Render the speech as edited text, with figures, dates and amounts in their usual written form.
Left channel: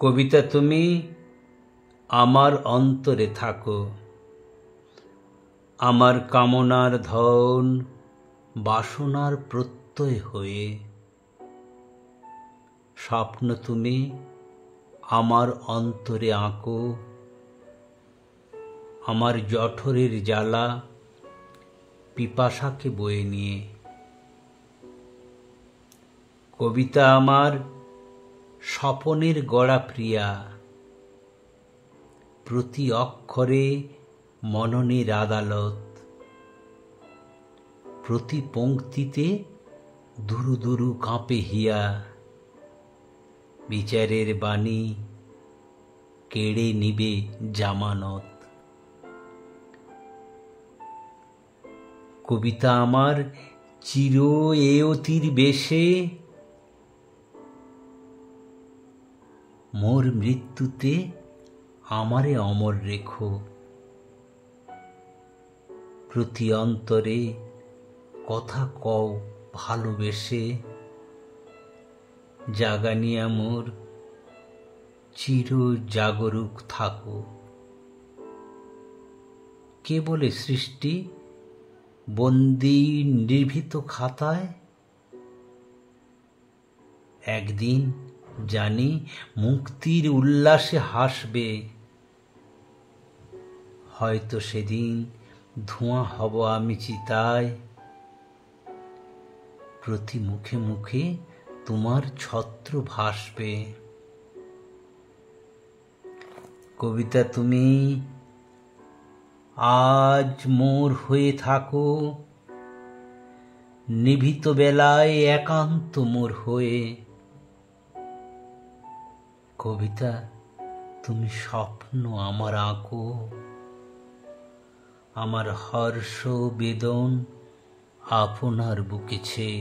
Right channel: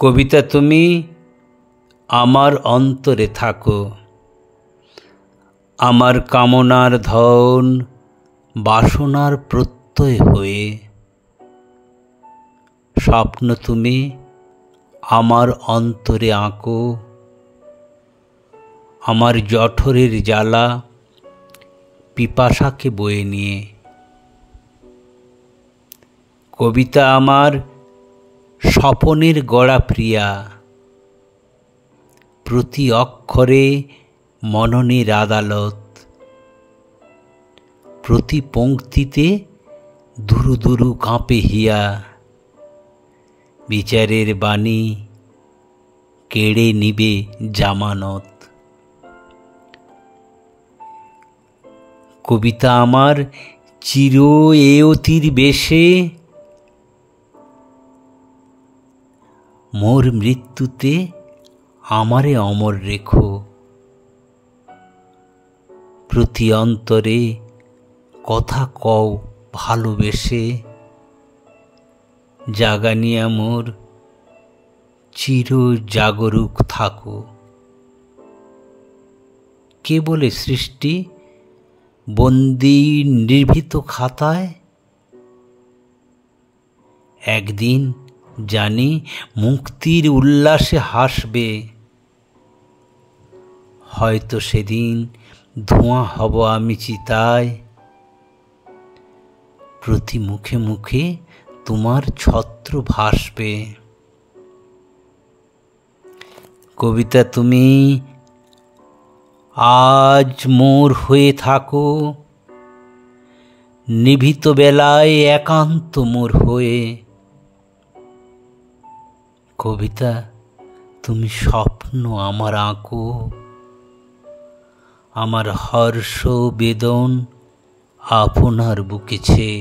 কবিতা তুমি আমার অন্তরে থাকো, আমার কামনার ধন বাসনার প্রত্যয় হয়ে। স্বপ্ন তুমি আমার অন্তরে আঁকো, আমার জঠরের জ্বালা পিপাসাকে বয়ে নিয়ে। কবিতা আমার স্বপনের গড়া প্রিয়া, প্রতি অক্ষরে মননের আদালত, প্রতি পংক্তিতে দুরু দুরু কাঁপে হিয়া। বিচারের বাণী কেড়ে নিবে জামানত। কবিতা আমার চির এয়তির বেশে, মোর মৃত্যুতে আমারে অমর রেখো। প্রতি অন্তরে কথা কও ভালোবেসে, জাগানিয়া মোর চির জাগরুক থাকো। কে বলে সৃষ্টি বন্দি নির্ভীত খাতায়? একদিন জানি মুক্তির উল্লাসে হাসবে, হয়তো সেদিন ধোঁয়া হব আমি চিতায়। প্রতি মুখে মুখে তোমার ছত্র ভাসবে। কবিতা তুমি আজ মোর হয়ে থাকো, নিভৃত বেলায় একান্ত মোর হয়ে। কবিতা তুমি স্বপ্ন আমার আঁকো, আমার হর্ষ বেদন আপনার বুকে ছেয়ে।